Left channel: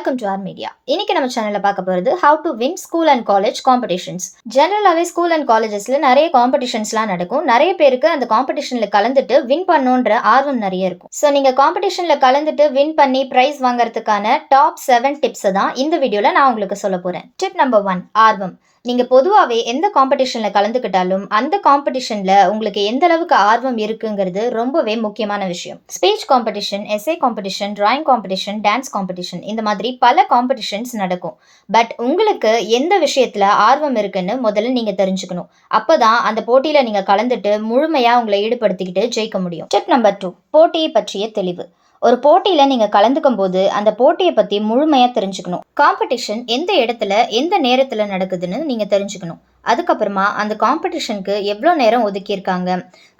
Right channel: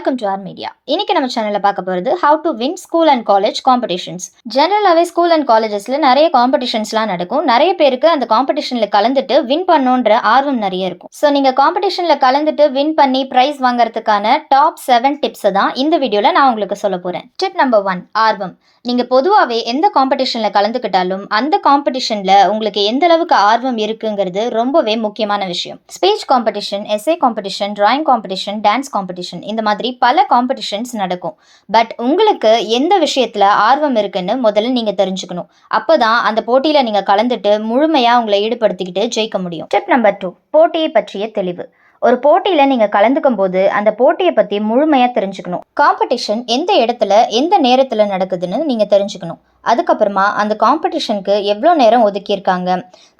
Welcome to R media. இன்னைக்கு நம்ம சேனல்ல பார்க்க போகிறது how to win school and college competitions. ஜெனரலாகவே ஸ்கூல் அண்ட் காலேஜஸ்ல நிறைய காம்படிஷன்ஸ்லாம் நடக்கும். நிறைய பேருக்கு அந்த காம்படிஷன்ல கலந்துட்டு வின் பண்ணணுன்ற ஆர்வம் நிறைய இருக்கும். ஸோ நீங்க காம்படிஷன்ல கலந்துட்டு வின் பண்ணி பிரைஸ் வாங்குறதுக்கான டாப் 7 டிப்ஸை தான் இந்த வீடியோல நான் உங்களுக்கு சொல்ல போறேன். டிப் நம்பர் 1, ஆர்வம். நீங்க பொதுவாகவே எந்த காம்படிஷன்ல கலந்துக்கிட்டாலும் அந்த காம்படிஷன்ல உங்களுக்கு எந்த அளவுக்கு ஆர்வம் இருக்குங்கிறது ரொம்பவே முக்கியமான விஷயம். Speech competition, essay competition, drawing competition, dance competition, இந்த மாதிரி பல காம்படிஷன்ஸ் நடக்கும். பட் உங்களுக்கு எந்த விஷயத்துல ஆர்வம் இருக்குன்னு முதல்ல நீங்க தெரிஞ்சுக்கணும். அப்பதான் அந்த போட்டியில நீங்க கலந்துட்டு முழுமையா உங்களை ஈடுபடுத்திக்கிட்டு ஜெயிக்க முடியும். டிப் நம்பர் 2, போட்டியை பற்றிய தெளிவு. ஒரு போட்டியில நீங்க கலந்துக்கும் போது அந்த போட்டியை பத்தி முழுமையா தெரிஞ்சுக்கணும். காம்படிஷன் எந்த இடத்துல எந்த நேரத்துல நடக்குதுன்னு நீங்க தெரிஞ்சுக்கணும். அதுக்கப்புறமா அந்த காம்படிஷனுக்கு எவ்வளோ நேரம் ஒதுக்கியிருக்காங்க,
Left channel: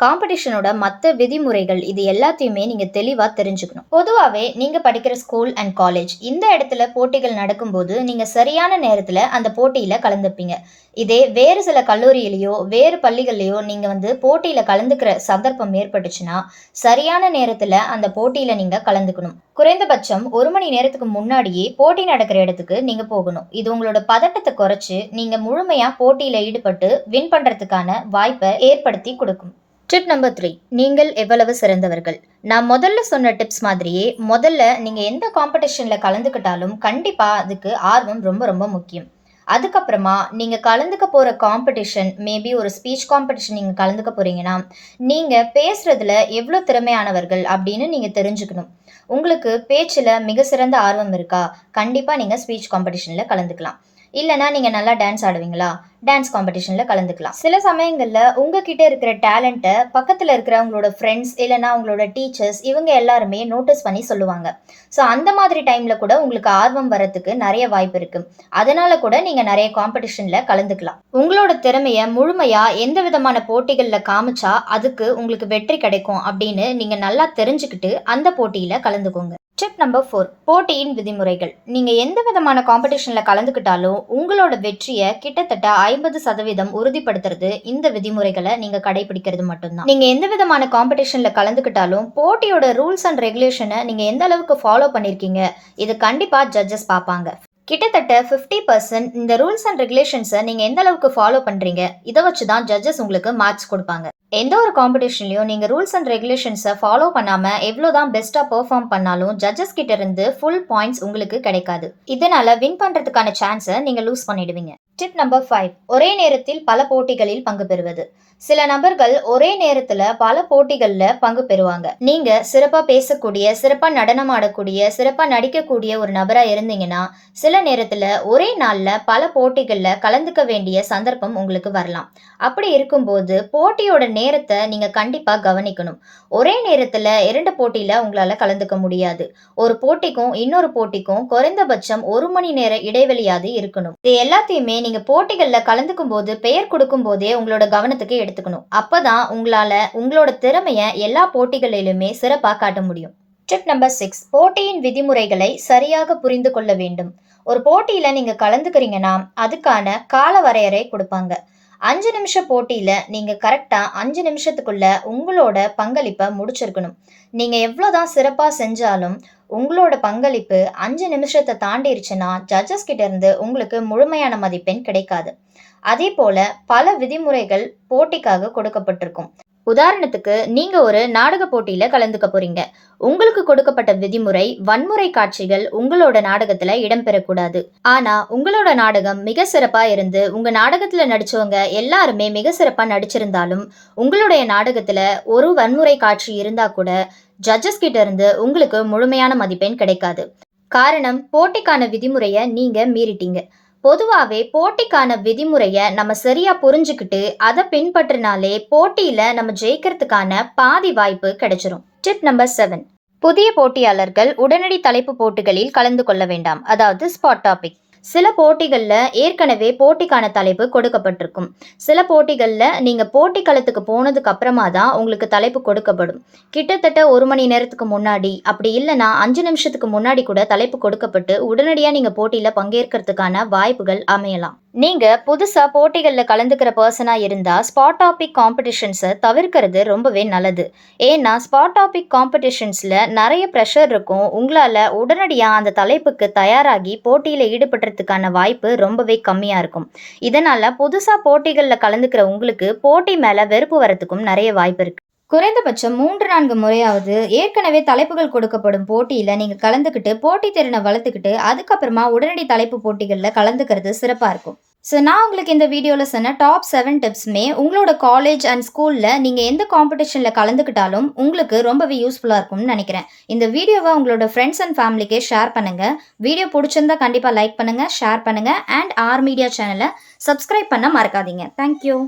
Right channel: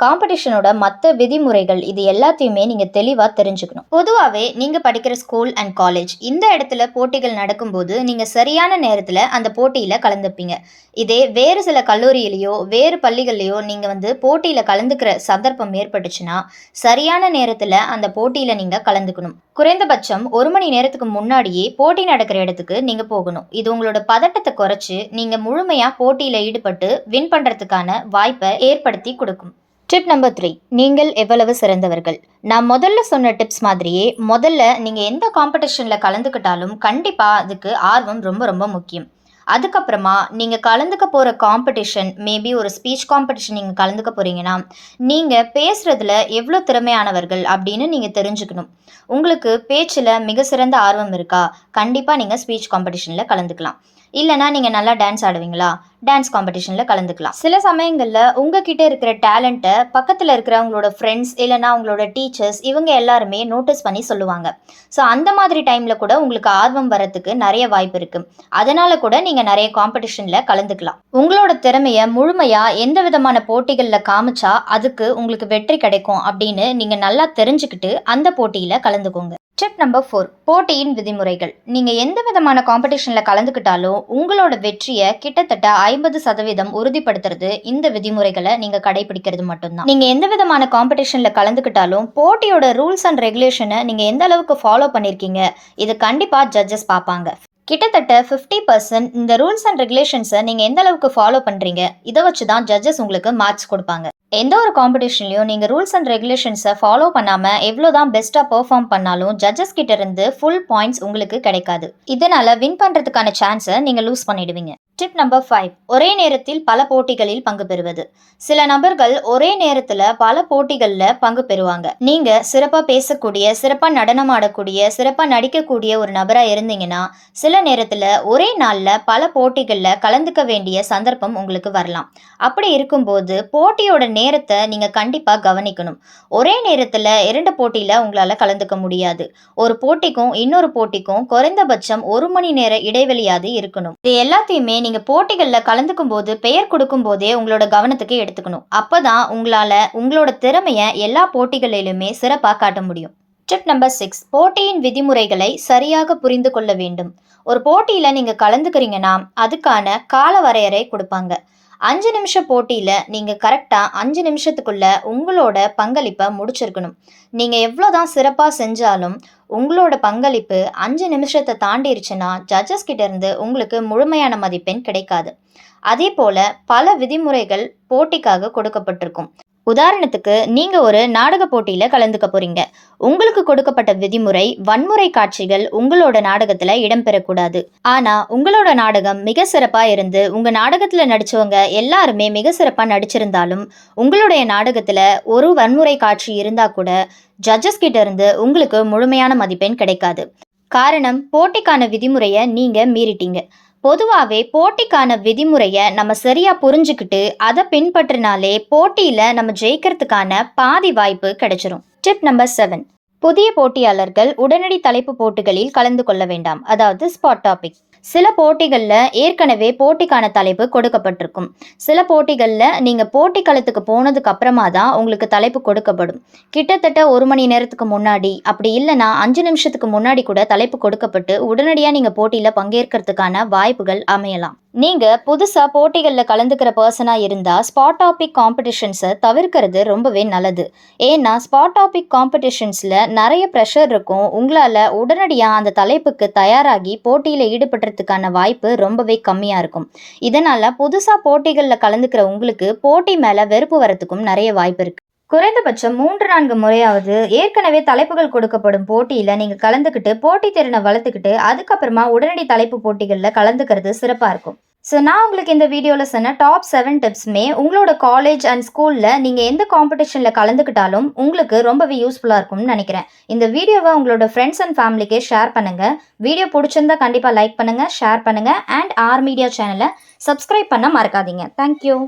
காம்படிஷனோட மற்ற விதிமுறைகள், இது எல்லாத்தையுமே நீங்க தெளிவா தெரிஞ்சுக்கணும். பொதுவாகவே நீங்க படிக்கிற ஸ்கூல் அண்ட் காலேஜ் இந்த இடத்துல போட்டிகள் நடக்கும்போது நீங்க சரியான நேரத்துல அந்த போட்டியில கலந்துப்பீங்க. இதே வேறு சில கல்லூரியிலையோ வேறு பள்ளிகள்லையோ நீங்க போட்டியில கலந்துக்கிற சந்தர்ப்பம் ஏற்பட்டுச்சுன்னா சரியான நேரத்துல அந்த போட்டியில நீங்க கலந்துக்கணும். குறைந்தபட்சம் 1 மணி நேரத்துக்கு முன்னாடியே போட்டி நடக்கிற இடத்துக்கு நீங்க போகணும். இது உங்களோட பதட்டத்தை குறைச்சு நீங்க முழுமையா போட்டியில ஈடுபட்டு வின் பண்றதுக்கான வாய்ப்பை ஏற்படுத்தி கொடுக்கும். டிப் நம்பர் 3, நீங்கள் எவ்வளவு சிறந்தவர்கள். நான் முதல்ல சொன்ன டிப்ஸ் மாதிரியே முதல்ல நீங்க எந்த காம்படிஷன்ல கலந்துக்கிட்டாலும் கண்டிப்பா அதுக்கு ஆர்வம் ரொம்ப ரொம்ப முக்கியம். அதுக்கப்புறமா நீங்க கலந்துக்க போற காம்படிஷன், மேபி ஒரு ஸ்பீச் காம்படிஷன் நீங்க கலந்துக்க போறீங்கன்னா நீங்க பேசுறதுல எவ்வளோ திறமையானவர்கள் அப்படின்னு நீங்க தெரிஞ்சுக்கணும். உங்களுக்கு பேச்சுல மிக சிறந்த ஆர்வம் இருக்கா, கண்டிப்பா நீங்க ஸ்பீச் காம்படிஷன்ல கலந்துக்கலாம். இல்லைனா நீங்கள் நல்லா டான்ஸ் ஆடுவீங்களா, டான்ஸ் காம்படிஷனில் கலந்துக்கலாம். சில சமயங்களில் உங்ககிட்ட இருக்கிற டேலண்ட்டை பக்கத்தில் இருக்கிறவங்களோட ஃப்ரெண்ட்ஸ் இல்லைனா உங்களோட டீச்சர்ஸ் இவங்க எல்லாருமே நோட்டீஸ் பண்ணி சொல்லுவாங்க. ஸோ அந்த மாதிரி டைமில் கூட உங்களுக்கு ஆர்வம் வரத்துக்கு நிறைய வாய்ப்பு இருக்குது. அதனால கூட நீங்கள் நிறைய காம்படிஷனில் கலந்துக்கலாம். உங்களோட திறமையை முழுமையாக எந்த விதமான போட்டிகளில் காமிச்சா அதுக்கு உங்களுக்கு வெற்றி கிடைக்கும் அப்படின்னு நீங்கள் நல்லா தெரிஞ்சுக்கிட்டு அந்த போட்டியில் கலந்துக்கோங்க. டிப் நம்பர் 4, போட்டியின் விதிமுறைகள். நீங்கள் எந்த விதமான காம்படிஷனில் கலந்துக்கிட்டாலும் உங்களோட வெற்றியை கிட்டத்தட்ட 50% உறுதிப்படுத்துறது இந்த விதிமுறைகளை நீங்கள் கடைபிடிக்கிறது மட்டும்தான். நீங்கள் எந்த விதமான காம்படிஷனில் கலந்துக்கிட்டாலும் போட்டியோட ரூல்ஸ் அண்ட் ரெகுலேஷனை நீங்கள் எந்த அளவுக்கு ஃபாலோ பண்ணியிருக்கீங்க இது கண்டிப்பாக ஜட்ஜஸ் பார்ப்பாங்க. கிட்டத்தட்ட 50% இந்த ரூல்ஸ் அண்ட் ரெகுலேஷன்ஸை நீங்கள் எந்த அளவுக்கு ஃபாலோ பண்ணுறீங்க இதை வச்சு தான் ஜட்ஜஸ் உங்களுக்கு மார்க்ஸ் கொடுப்பாங்க. எந்த ஒரு காம்படிஷன்லையும் நீங்கள் ரூல்ஸ் அண்ட் ரெகுலேஷன்ஸை ஃபாலோ பண்ணாமல் எவ்வளோதான் பெஸ்ட்டாக பெர்ஃபார்ம் பண்ணாலும் ஜட்ஜஸ் கிட்ட இருந்து ஃபுல் பாயிண்ட்ஸ் உங்களுக்கு கிடைக்காது. இதனால் வின் பண்ணுறதுக்கான சான்ஸை நீங்கள் லூஸ் பண்ணிடுவீங்க. டிப் நம்பர் 5, ஒரே நேரத்தில் பல போட்டிகளில் பங்கு பெறுவது. சில நபர்கள் ஒரே நேரத்தில் பல போட்டிகளில் பங்கு பெறுவாங்க. நீங்கள் சிறப்பாக பேசக்கூடிய, சிறப்பாக நடனம் ஆடக்கூடிய, சிறப்பாக நடிக்கக்கூடிய ஒரு நபராக இருந்தீங்கன்னா சில நேரத்தில் ஒரே நாளில் பல போட்டிகளில் கலந்துக்க வேண்டிய சந்தர்ப்பம் உங்களுக்கு வரலாம். அப்படி இருக்கும்போது போட்டியோட நேரத்தை நீங்கள் கண்டிப்பாக கவனிக்கணும். ஒரே நேரத்தில் 2 போட்டியில் உங்களால் கலந்துக்க முடியாது. ஒரு போட்டிக்கும் இன்னொரு போட்டிக்கும் குறைந்தபட்சம் 1 மணி நேர இடைவெளியாவது இருக்கணும். இது எல்லாத்தையுமே நீங்கள் போட்டிகளில் கலந்துக்கும் போது பெயர் கொடுக்கும் போதே உங்களோட கவனத்துக்கு எடுத்துக்கணும். அப்போதான் உங்களால் உங்களோட திறமையை எல்லா போட்டிகளிலுமே சிறப்பாக காட்ட முடியும். டிப் நம்பர் 6, போட்டியின் விதிமுறைகளை சரியாக புரிந்து கொள்ள வேண்டும். ஒரு போட்டியில் நீங்கள் கலந்துக்கிறீங்கன்னா அதுக்கான கால வரையறை கொடுப்பாங்க. 5 நிமிஷம் போட்டியில் நீங்கள் கரெக்டாக 5 நிமிஷத்துக்குள்ள உங்களோட பங்களிப்பை முடிச்சிருக்கணும். நீங்கள் எவ்வளோதான் சிறப்பாக செஞ்சாலும் உங்களோட பங்களிப்பு 5 நிமிஷத்தை தாண்டிருச்சுன்னா ஜட்ஜஸ் கிட்ட இருந்து உங்களுக்கு முழுமையான மதிப்பெண் கிடைக்காது. அதே போல பல விதிமுறைகள் போட்டிக்காக கொடுக்கப்பட்டிருக்கும். உதாரணத்துக்கு நீங்க ஒரு நாடக போட்டியில கலந்துக்க போறீங்க. உங்களுக்கு கொடுக்கப்பட்ட விதிமுறை, வன்முறை காட்சிகள் உங்களோட நாடகத்துல இடம்பெறக்கூடாது. ஆனா உங்களோட நாடகம் மிக சிறப்பா இருந்து உங்க நாடகத்துல நடிச்சவங்க எல்லாருமே மிக சிறப்பா நடிச்சிருந்தாலும் உங்களுடைய நாடகத்துல ஒரு வன்முறை காட்சி இருந்தா கூட ஜட்ஜஸ் கிட்ட இருந்து உங்களுக்கு முழுமையான மதிப்பெண் கிடைக்காது. காரணம், போட்டிக்கான விதிமுறையை நீங்க மீறிட்டீங்க. பொதுவாகவே போட்டிக்கான விதிமுறையை நம்ம சரியா புரிஞ்சுக்கிட்டு அதை பின்பற்றினாலே போட்டியில நம்ம ஜெயிக்கிறதுக்கான பாதி வாய்ப்பு கிடைச்சிரும். டிப் நம்பர் 7, புதிய போட்டியாளர்கள் உடனடி தலைப்பு போட்டிகளில் கலந்து கொள்ள வேண்டாம். அதாவது ஸ்பாட் டாபிக். சில போட்டிகளில் ஏற்கனவே போட்டிக்கான தலைப்பு கொடுக்கப்பட்டிருக்கும். சில போட்டிகளில் நீங்கள் போட்டி களத்துக்கு போனதுக்கு அப்புறமா தான் உங்களுக்கு தலைப்பு கொடுக்கப்படும். கிட்டத்தட்ட 1 மணி நேரத்துக்கு முன்னாடி, அப்படி இல்லைன்னா 5 நிமிஷத்துக்கு முன்னாடி கூட தலைப்பு கொடுக்கப்பட்டு உடனடியாக நீங்கள் போட்டியில் பங்கேற்கிறதுக்கான வாய்ப்புகள் அமையலாம். நீங்க புதுசா போட்டிகள்ல கலந்துக்கிற பர்சனா இருந்தா, ஸ்பாட் டாபிக் காம்படிஷன்ஸ தவிர்க்கிறது ரொம்பவே நல்லது. ஏன்னா, ஸ்பாட் டாபிக் காம்படிஷன்ஸ்ல நெறைய பிரஷர் இருக்கும். உங்களால உடனடியா அந்த தலைப்புக்கு தயாராகி போட்டியில ஈடுபடுறதுக்கான வாய்ப்பு ரொம்பவே கம்மியா இருக்கும். இதனால புதுசா போட்டிகள்ல கலந்துக்கிற உங்களுக்கு போட்டி மேல வெறுப்பு வரத்துக்கும் நெறைய வாய்ப்பு இருக்கு. குறைந்தபட்சம் 3, 4 முறையாவது ஏற்கனவே தலைப்புகள் கொடுக்கப்படும் போட்டியில நீங்க கலந்துக்கிட்டு, போட்டி திறன வளர்த்துக்கிட்டு, அதுக்கப்புறமா உடனடி தலைப்பு போட்டிகள்ல கலந்துக்கிறது சிறப்பா இருக்கும். நான் உங்களுக்கு இந்த வீடியோல சொன்ன டாப் 7 டிப்ஸுமே உங்களோட காலேஜ் அண்ட் ஸ்கூல்ல நீங்க எந்த காம்படிஷன்ல கலந்துக்கிட்டாலும் உங்களுக்கு ரொம்பவே யூஸ்ஃபுல்லா இருக்கும்னு நினைக்கிறேன். இந்த வீடியோவ உங்களோட ஃப்ரெண்ட்ஸ் அண்ட் ஃபேமிலிக்கே ஷேர் பண்ணுங்க. வீடியோ புடிச்சிருந்தா கண்டிப்பா லைக் பண்ணுங்க, ஷேர் பண்ணுங்க அண்ட் ஆர் மீடியா சேனல சப்ஸ்கிரைப் பண்ண மறக்காதீங்க. Thank you.